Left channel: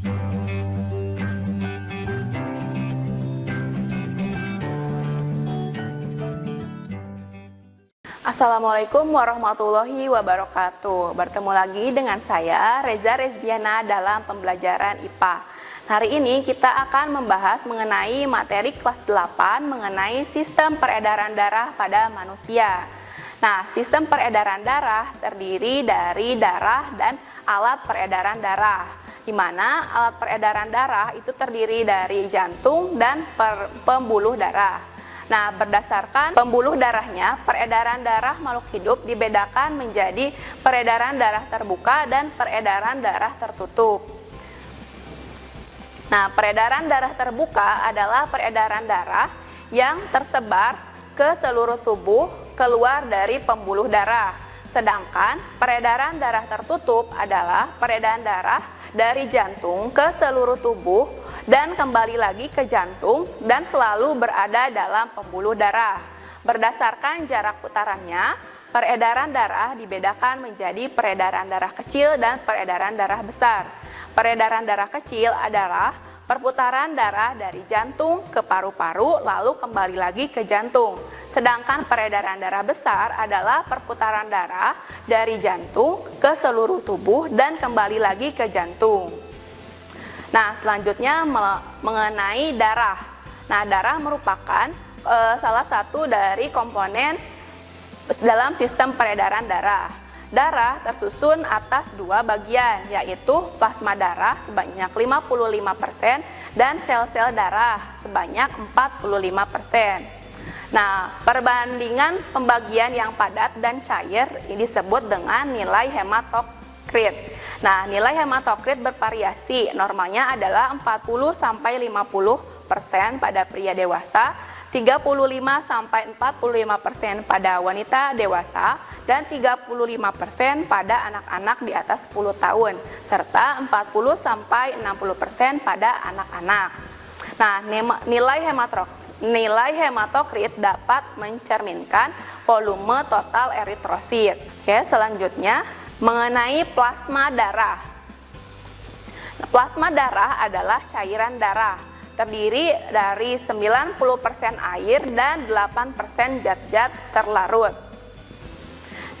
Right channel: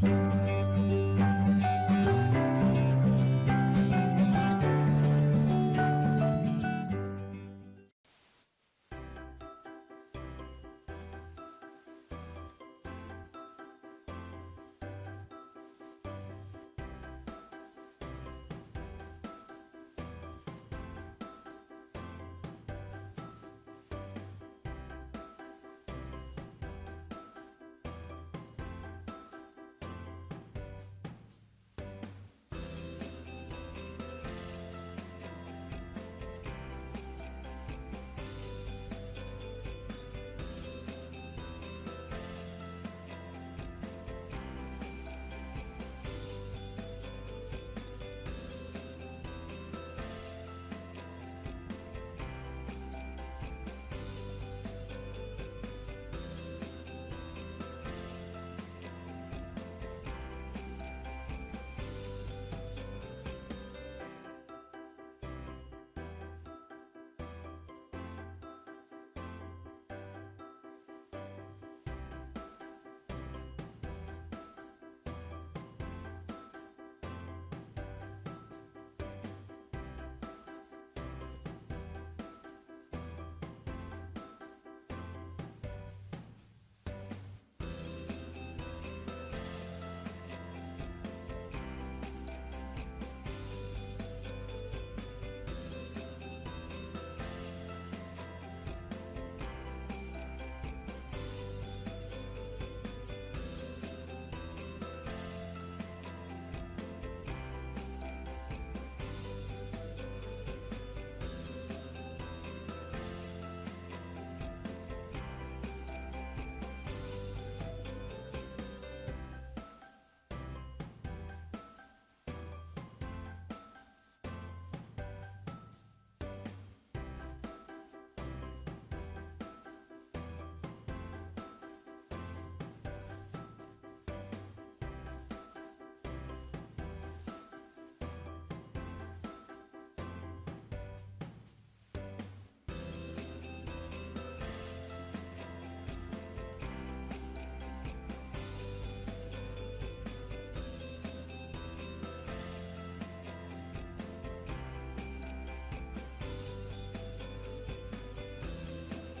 Assalamualaikum warahmatullahi wabarakatuh. Bertemu lagi dengan saya, Reza Rezdiana, dalam pembelajaran IPA. Hari ini kita akan membahas mengenai materi kelas 8 mengenai sistem peredaran darah pada manusia. Nah, sistem peredaran darah terdiri dari darah dan alat peredaran darah, di mana alat peredaran darah itu terdiri dari jantung dan pembuluh darah. Nah, berdasarkan pembuluh darahnya, peredaran darah makhluk hidup dibedakan menjadi peredaran darah terbuka dan peredaran darah tertutup. Nah, peredaran darah terbuka adalah peredaran darah yang tersebar ke seluruh tubuh keluar dari pembuluh darah. Sedangkan peredaran darah tertutup adalah peredaran darah dari jantung ke seluruh tubuh dan kembali lagi ke jantung dan selalu berada dalam pembuluh darah. Berdasarkan jarak putarannya, peredaran darah dibedakan menjadi peredaran darah kecil dan peredaran darah besar. Peredaran darah kecil adalah perputaran darah dari jantung ke paru-paru lalu kembali lagi ke jantung. Sedangkan peredaran darah besar adalah perputaran darah dari jantung ke seluruh tubuh dan kembali lagi ke jantung. Nah, selanjutnya mengenai darah. Nah, darah merupakan salah satu dari komponen dalam sistem peredaran darah. Darah tersusun atas dua bagian, yaitu plasma darah sebanyak 55% dan sel-sel darah sebanyak 45%. Nah, perbandingan pembagian yang padat dan cair ini disebut dengan nilai hematokrit. Nah, nilai hematokrit bervariasi, normalnya adalah 40-50% pada pria dewasa, 35-45% pada wanita dewasa, dan 35% pada anak-anak di atas 10 tahun, serta 40-60% pada anak-anak. Nah, nilai hematokrit dapat mencerminkan volume total eritrosit. Oke, selanjutnya mengenai plasma darah. Plasma darah adalah cairan darah, terdiri dari 90% air dan 8% zat-zat terlarut.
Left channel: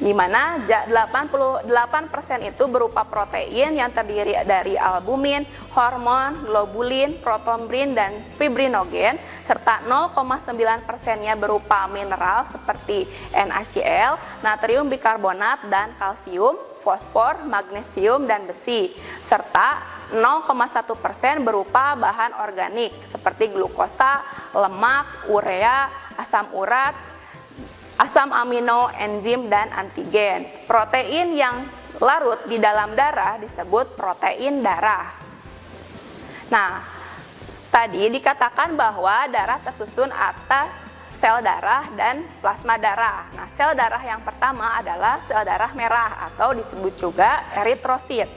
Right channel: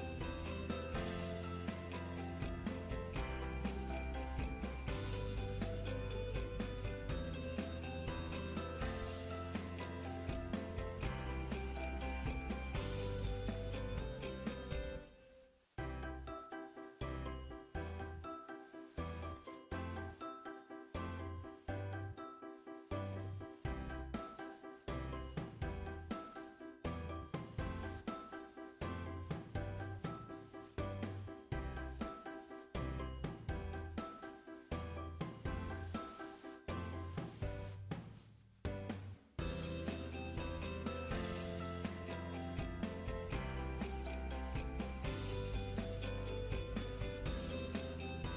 Di mana 88% itu berupa protein yang terdiri dari albumin, hormon, globulin, protombrin, dan fibrinogen, serta 0,9%-nya berupa mineral seperti NaCl, natrium bikarbonat, dan kalsium, fosfor, magnesium, dan besi, serta 0,1% berupa bahan organik seperti glukosa, lemak, urea, asam urat, asam amino, enzim, dan antigen. Protein yang larut di dalam darah disebut protein darah. Nah, tadi dikatakan bahwa darah tersusun atas sel darah dan plasma darah. Nah, sel darah yang pertama adalah sel darah merah atau disebut juga eritrosit.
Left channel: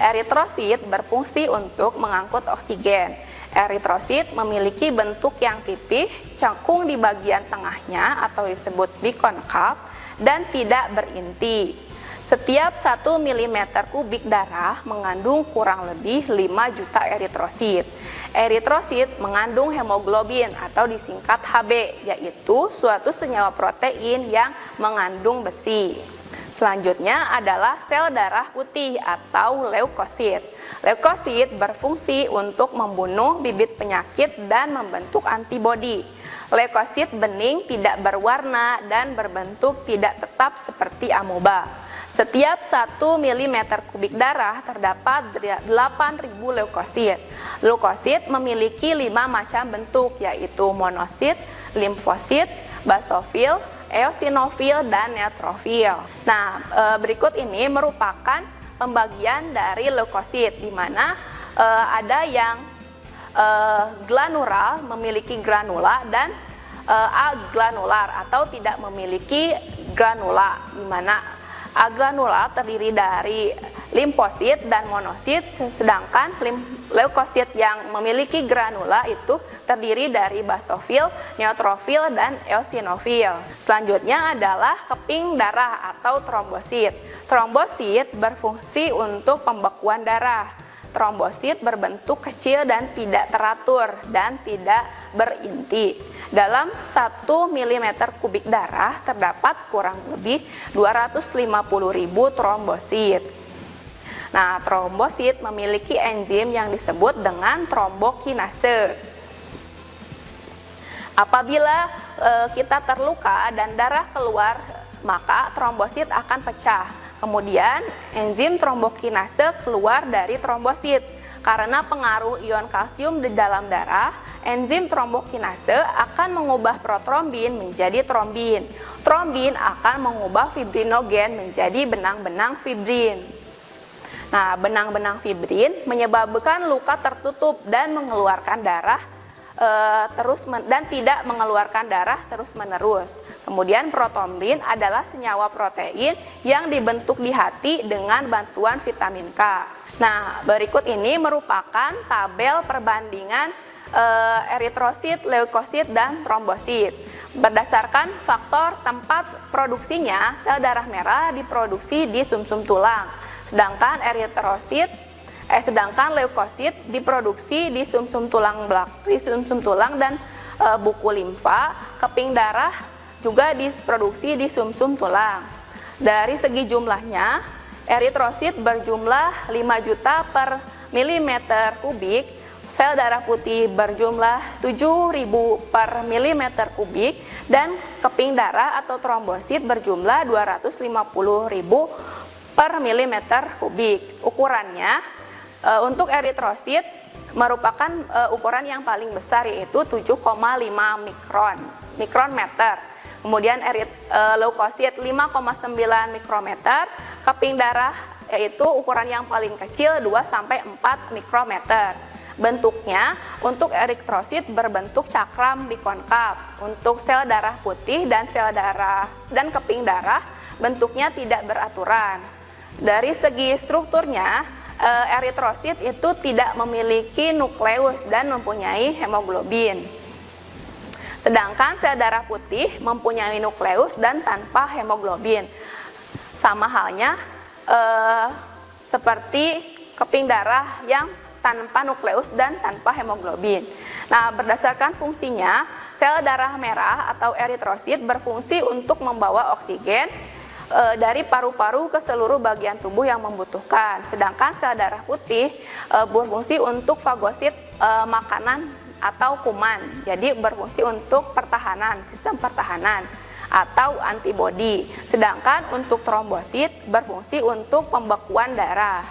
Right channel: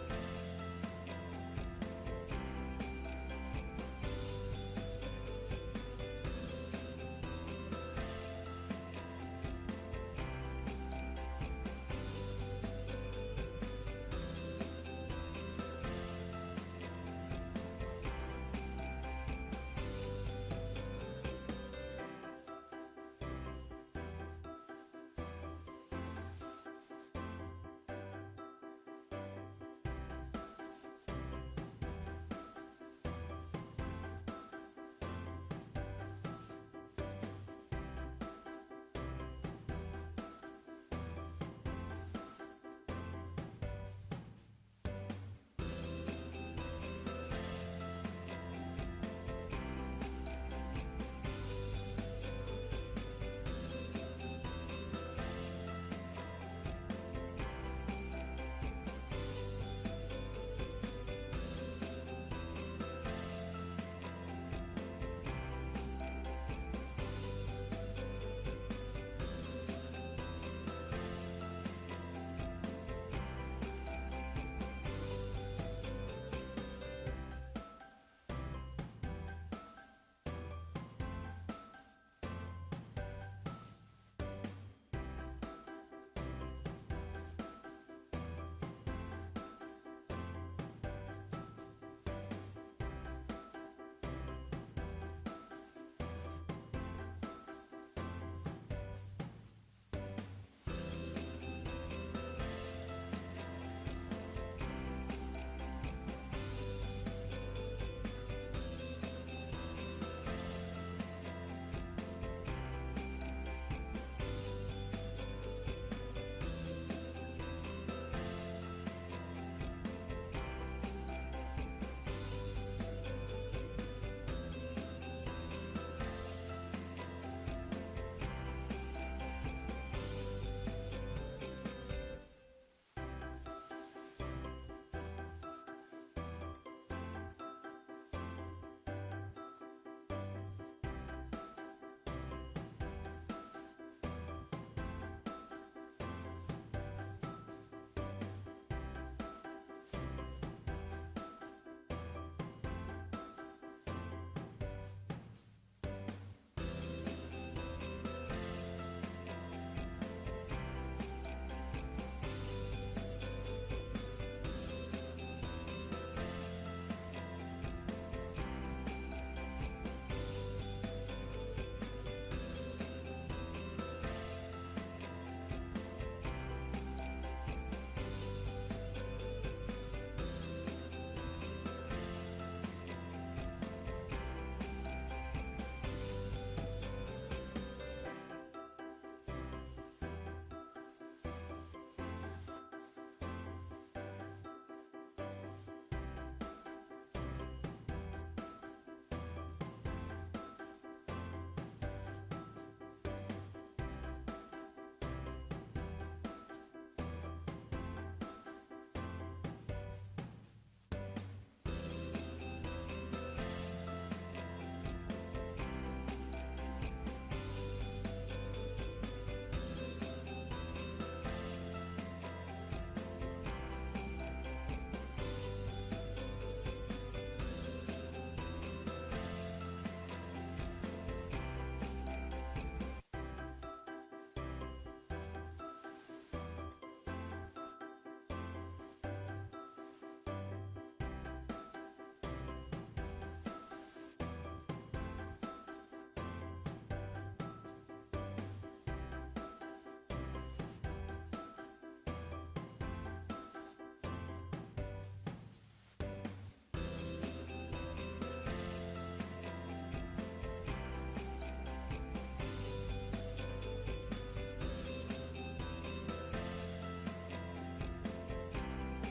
Eritrosit berfungsi untuk mengangkut oksigen. Eritrosit memiliki bentuk yang pipih, cekung di bagian tengahnya atau disebut bikonkav, dan tidak berinti. Setiap 1 mm kubik darah mengandung kurang lebih 5 juta eritrosit. Eritrosit mengandung hemoglobin atau disingkat Hb, yaitu suatu senyawa protein yang mengandung besi. Selanjutnya adalah sel darah putih atau leukosit. Leukosit berfungsi untuk membunuh bibit penyakit dan membentuk antibodi. Leukosit bening, tidak berwarna, dan berbentuk tidak tetap seperti amoeba. Setiap 1 mm kubik darah terdapat 8.000 leukosit. Leukosit memiliki 5 macam bentuk, yaitu monosit, limfosit, basofil, eosinofil, dan neutrofil. Nah, berikut ini merupakan pembagian dari leukosit, di mana ada yang glanular, memiliki granula, dan agranular atau tidak memiliki granula, di mana agranular terdiri dari limfosit dan monosit, sedangkan leukosit yang memiliki granula itu terdiri dari basofil, neutrofil, dan eosinofil. Selanjutnya adalah keping darah atau trombosit. Trombosit berfungsi untuk pembekuan darah. trombosit berbentuk kecil dan tidak teratur dan tidak berinti. Dalam 1 mm kubik darah terdapat kurang lebih 250.000 trombosit. Nah, trombosit memiliki enzim yang disebut dengan trombokinase. Apabila kita terluka dan darah keluar, maka trombosit akan pecah. Kemudian enzim trombokinase keluar dari trombosit. Karena pengaruh ion kalsium di dalam darah, enzim trombokinase akan mengubah protrombin menjadi trombin. Trombin akan mengubah fibrinogen menjadi benang-benang fibrin. Nah, benang-benang fibrin menyebabkan luka tertutup dan mengeluarkan darah dan tidak mengeluarkan darah terus-menerus. Kemudian protrombin adalah senyawa protein yang dibentuk di hati dengan bantuan vitamin K. Nah, berikut ini merupakan tabel perbandingan eritrosit, leukosit, dan trombosit. Berdasarkan faktor tempat produksinya, sel darah merah diproduksi di sumsum tulang, sedangkan leukosit diproduksi di sumsum tulang dan buku limfa. Keping darah juga diproduksi di sumsum tulang. Dari segi jumlahnya, eritrosit berjumlah 5 juta per milimeter kubik, sel darah putih berjumlah 7.000 per milimeter kubik, dan keping darah atau trombosit berjumlah 250.000 per milimeter kubik. Ukurannya, untuk eritrosit merupakan ukuran yang paling besar, yaitu 7,5 mikrometer. Kemudian leukosit 5,9 mikrometer. Keping darah yaitu ukuran yang paling kecil 2-4 mikrometer. Bentuknya, untuk eritrosit berbentuk cakram bikonkav. Untuk sel darah putih dan keping darah bentuknya tidak beraturan. Dari segi strukturnya, eritrosit itu tidak memiliki nukleus dan mempunyai hemoglobin. Sedangkan sel darah putih mempunyai nukleus dan tanpa hemoglobin. Sama halnya seperti keping darah yang tanpa nukleus dan tanpa hemoglobin. Nah, berdasarkan fungsinya, sel darah merah atau eritrosit berfungsi untuk membawa oksigen dari paru-paru ke seluruh bagian tubuh yang membutuhkan. Sedangkan sel darah putih berfungsi untuk fagosit makanan atau kuman. Jadi berfungsi untuk pertahanan, sistem pertahanan atau antibodi. Sedangkan untuk trombosit berfungsi untuk pembekuan darah.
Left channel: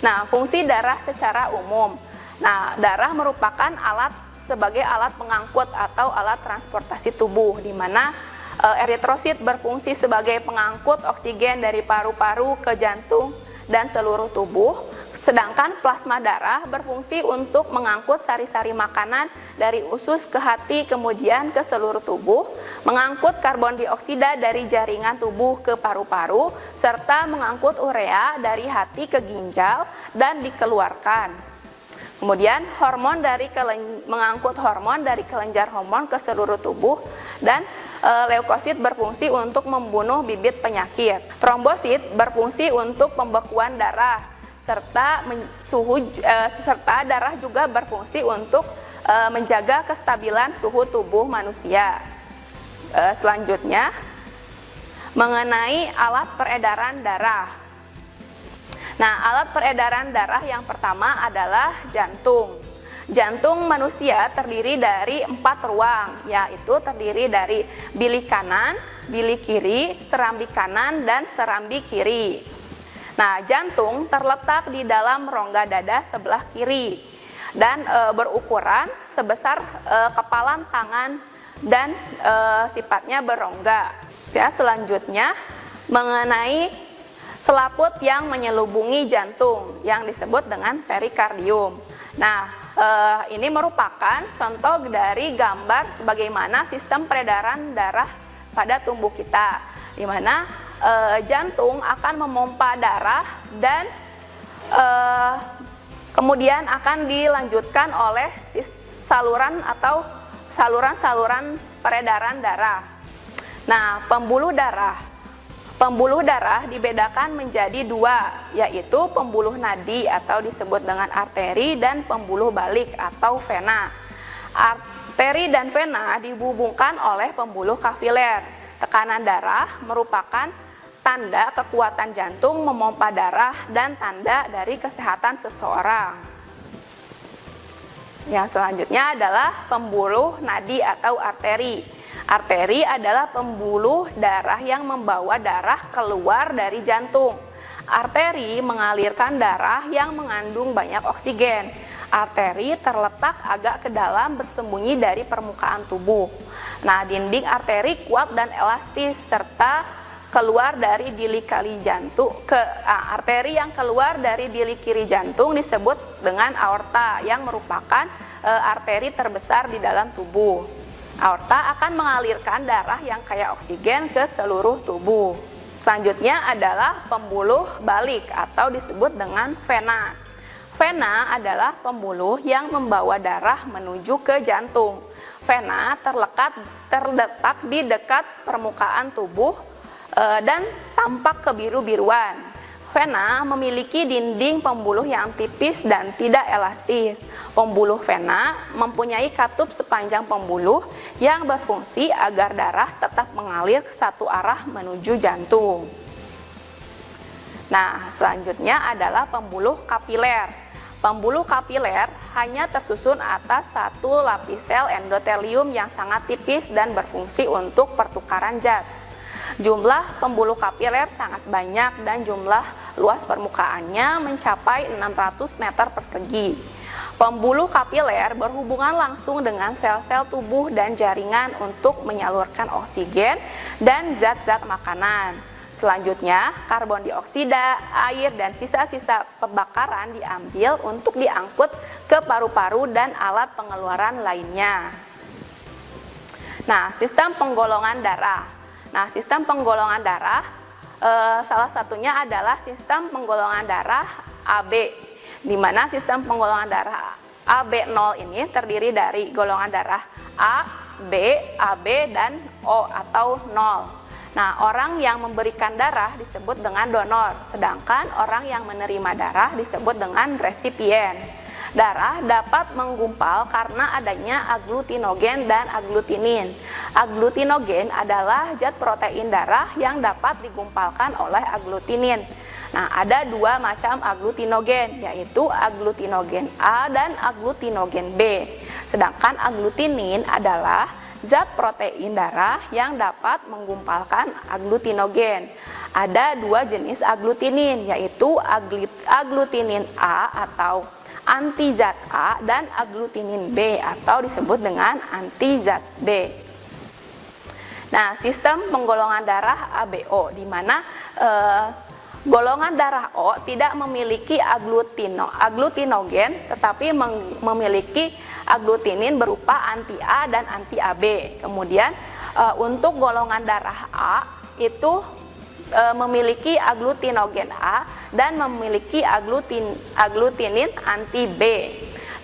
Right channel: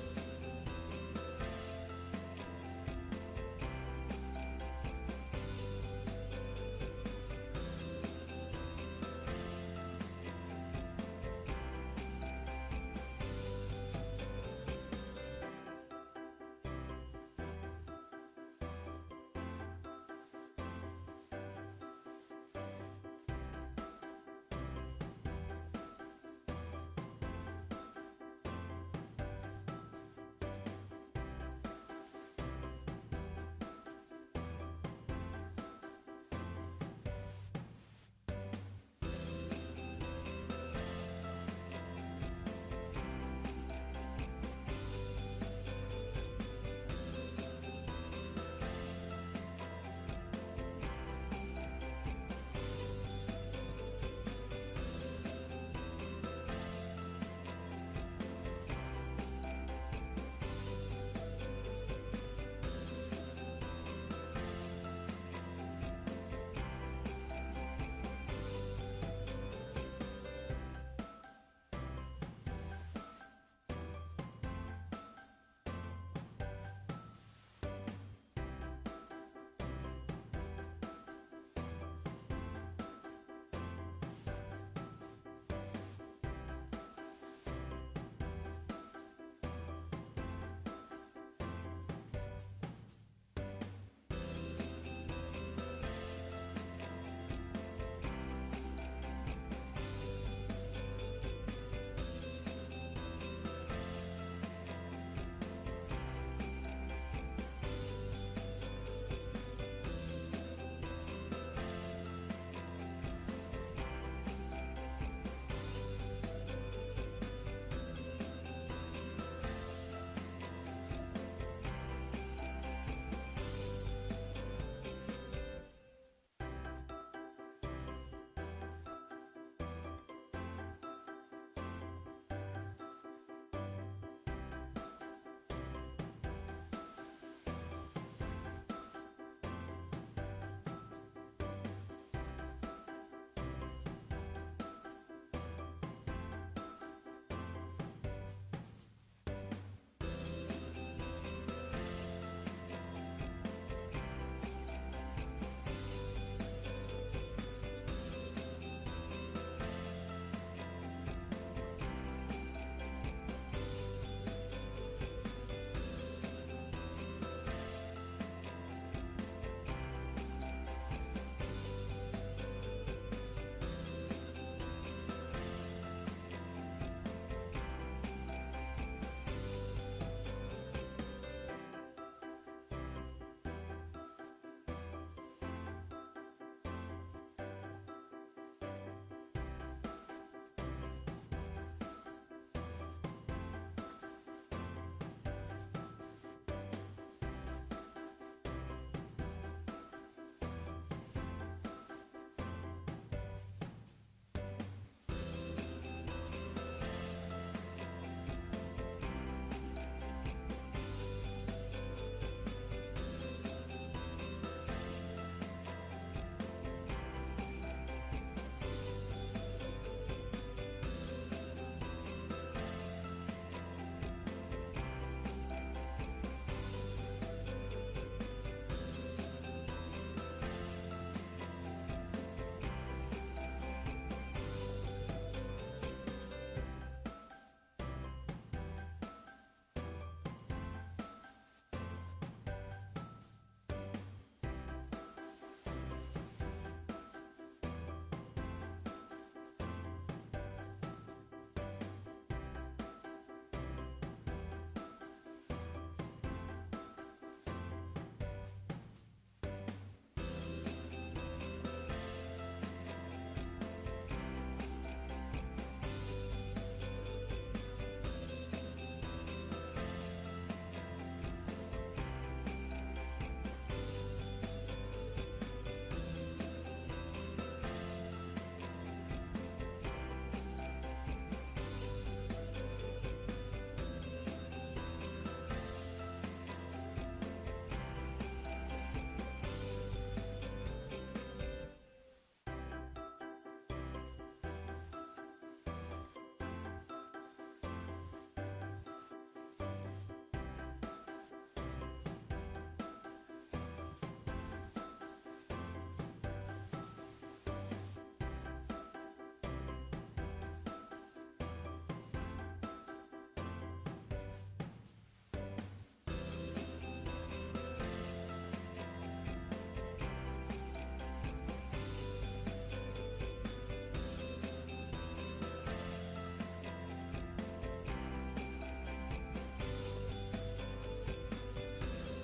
Nah, fungsi darah secara umum. Nah, darah merupakan sebagai alat pengangkut atau alat transportasi tubuh, di mana eritrosit berfungsi sebagai pengangkut oksigen dari paru-paru ke jantung dan seluruh tubuh, sedangkan plasma darah berfungsi untuk mengangkut sari-sari makanan dari usus ke hati kemudian ke seluruh tubuh, mengangkut karbon dioksida dari jaringan tubuh ke paru-paru, serta mengangkut urea dari hati ke ginjal dan dikeluarkan. Kemudian mengangkut hormon dari kelenjar hormon ke seluruh tubuh, dan leukosit berfungsi untuk membunuh bibit penyakit. Trombosit berfungsi untuk pembekuan darah, serta darah juga berfungsi untuk menjaga kestabilan suhu tubuh manusia. Selanjutnya, mengenai alat peredaran darah. Nah, alat peredaran darah yang pertama adalah jantung. Jantung manusia terdiri dari 4 ruang, yaitu terdiri dari bilik kanan, bilik kiri, serambi kanan, dan serambi kiri. Nah, jantung terletak di dalam rongga dada sebelah kiri dan berukuran sebesar kepalan tangan dan sifatnya berongga. Ya, selanjutnya mengenai selaput yang menyelubungi jantung yang disebut dengan perikardium. Nah, ini merupakan contoh dari gambar bagaimana sistem peredaran darah pada tubuh kita, di mana jantung akan memompa darah dan kemudian akan dilanjutkan oleh saluran atau saluran-saluran peredaran darah. Nah, pembuluh darah. Pembuluh darah dibedakan menjadi dua, yaitu pembuluh nadi atau disebut dengan arteri dan pembuluh balik atau vena. Arteri dan vena dihubungkan oleh pembuluh kapiler. Tekanan darah merupakan tanda kekuatan jantung memompa darah dan tanda dari kesehatan seseorang. Yang selanjutnya adalah pembuluh nadi atau arteri. Arteri adalah pembuluh darah yang membawa darah keluar dari jantung. Arteri mengalirkan darah yang mengandung banyak oksigen. Arteri terletak agak ke dalam bersembunyi dari permukaan tubuh. Nah, dinding arteri kuat dan elastis serta keluar dari bilik kiri jantung. Arteri yang keluar dari bilik kiri jantung disebut dengan aorta yang merupakan arteri terbesar di dalam tubuh. Aorta akan mengalirkan darah yang kaya oksigen ke seluruh tubuh. Selanjutnya adalah pembuluh balik atau disebut dengan vena. Vena adalah pembuluh yang membawa darah menuju ke jantung. Vena terletak di dekat permukaan tubuh dan tampak kebiru-biruan. Vena memiliki dinding pembuluh yang tipis dan tidak elastis. Pembuluh vena mempunyai katup sepanjang pembuluh yang berfungsi agar darah tetap mengalir ke satu arah menuju jantung. Nah, selanjutnya adalah pembuluh kapiler. Pembuluh kapiler hanya tersusun atas satu lapis sel endotelium yang sangat tipis dan berfungsi untuk pertukaran zat. Jumlah pembuluh kapiler sangat banyak dan jumlah luas permukaannya mencapai 600 meter persegi. Pembuluh kapiler berhubungan langsung dengan sel-sel tubuh dan jaringan untuk menyalurkan oksigen dan zat-zat makanan. Selanjutnya, karbon dioksida, air, dan sisa-sisa pembakaran diambil untuk diangkut ke paru-paru dan alat pengeluaran lainnya. Nah, sistem penggolongan darah. Nah, sistem penggolongan darah salah satunya adalah sistem penggolongan darah AB, di mana sistem penggolongan darah AB0 ini terdiri dari golongan darah A, B, AB, dan O atau 0. Nah, orang yang memberikan darah disebut dengan donor, sedangkan orang yang menerima darah disebut dengan resipien. Darah dapat menggumpal karena adanya agglutinogen dan agglutinin. Agglutinogen adalah zat protein darah yang dapat digumpalkan oleh agglutinin. Nah, ada dua macam agglutinogen, yaitu agglutinogen A dan agglutinogen B. Sedangkan agglutinin adalah zat protein darah yang dapat menggumpalkan agglutinogen. Ada dua jenis agglutinin, yaitu agglutinin A atau anti zat A dan agglutinin B atau disebut dengan anti zat B. Nah, sistem penggolongan darah ABO, di mana golongan darah O tidak memiliki agglutinogen tetapi memiliki agglutinin berupa anti A dan anti AB. Kemudian untuk golongan darah A itu memiliki agglutinogen A dan memiliki agglutinin anti B.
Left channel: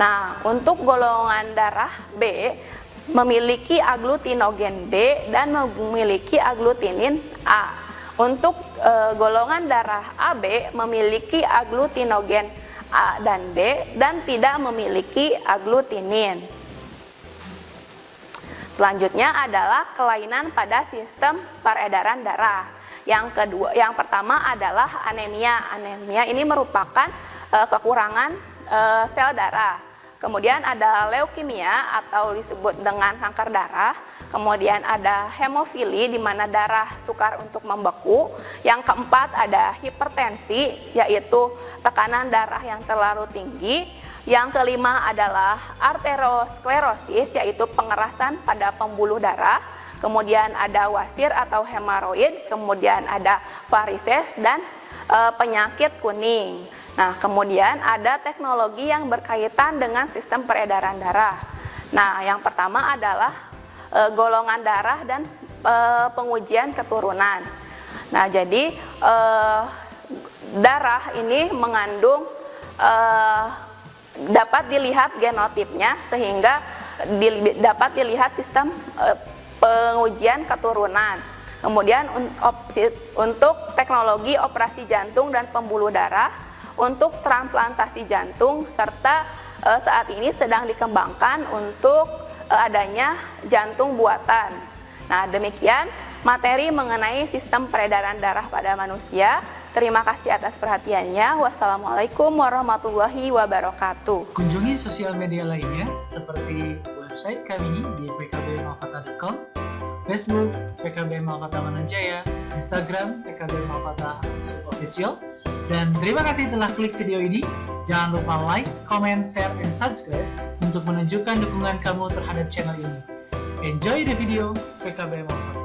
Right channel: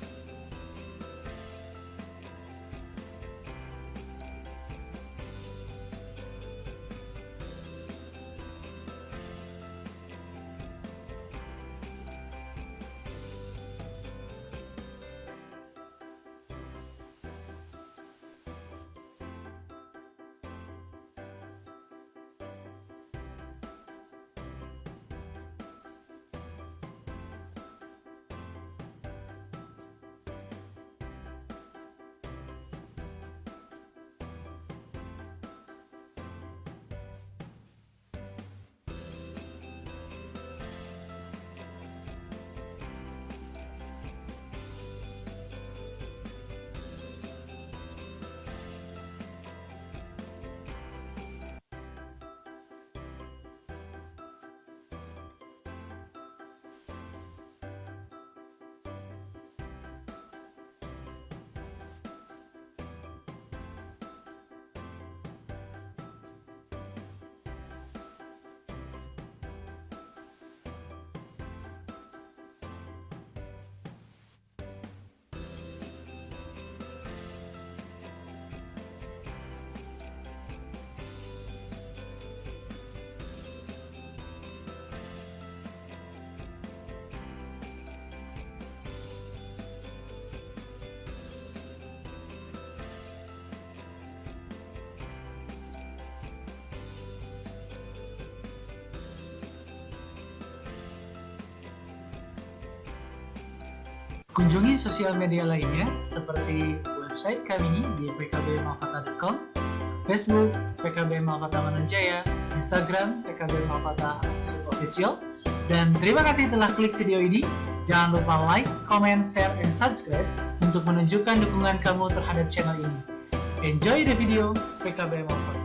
Nah, untuk golongan darah B memiliki agglutinogen B dan memiliki agglutinin A. Untuk golongan darah AB memiliki agglutinogen A dan B dan tidak memiliki agglutinin. Selanjutnya adalah kelainan pada sistem peredaran darah. Yang pertama adalah anemia. Anemia ini merupakan kekurangan sel darah. Kemudian ada leukemia atau disebut dengan kanker darah. Kemudian ada hemofili di mana darah sukar untuk membeku. Yang keempat ada hipertensi, yaitu tekanan darah yang terlalu tinggi. Yang kelima adalah arteriosklerosis, yaitu pengerasan pada pembuluh darah. Kemudian ada wasir atau hemoroid, kemudian ada varises dan penyakit kuning. Nah, kemudian ada teknologi yang berkaitan dengan sistem peredaran darah. Nah, yang pertama adalah golongan darah dan pengujian keturunan. Nah, jadi darah ini mengandung dapat dilihat genotipnya sehingga dapat dilihat sistem pengujian keturunan. Kemudian opsi untuk teknologi operasi jantung dan pembuluh darah, untuk transplantasi jantung, serta saat ini sedang dikembangkan untuk adanya jantung buatan. Nah, demikian materi mengenai sistem peredaran darah pada manusia. Terima kasih atas perhatiannya. Wassalamualaikum warahmatullahi wabarakatuh. Kunjungi sosial media lainnya seperti website kami di pkbmalkata.com, Facebook PKB Malkata Mananjaya, Instagram PKB Malkata _official. Dan terima kasih telah klik video ini. Jangan lupa like, comment, share, and subscribe untuk menunjukkan dukungan kamu terhadap channel ini. Enjoy the video, PKB Malkata.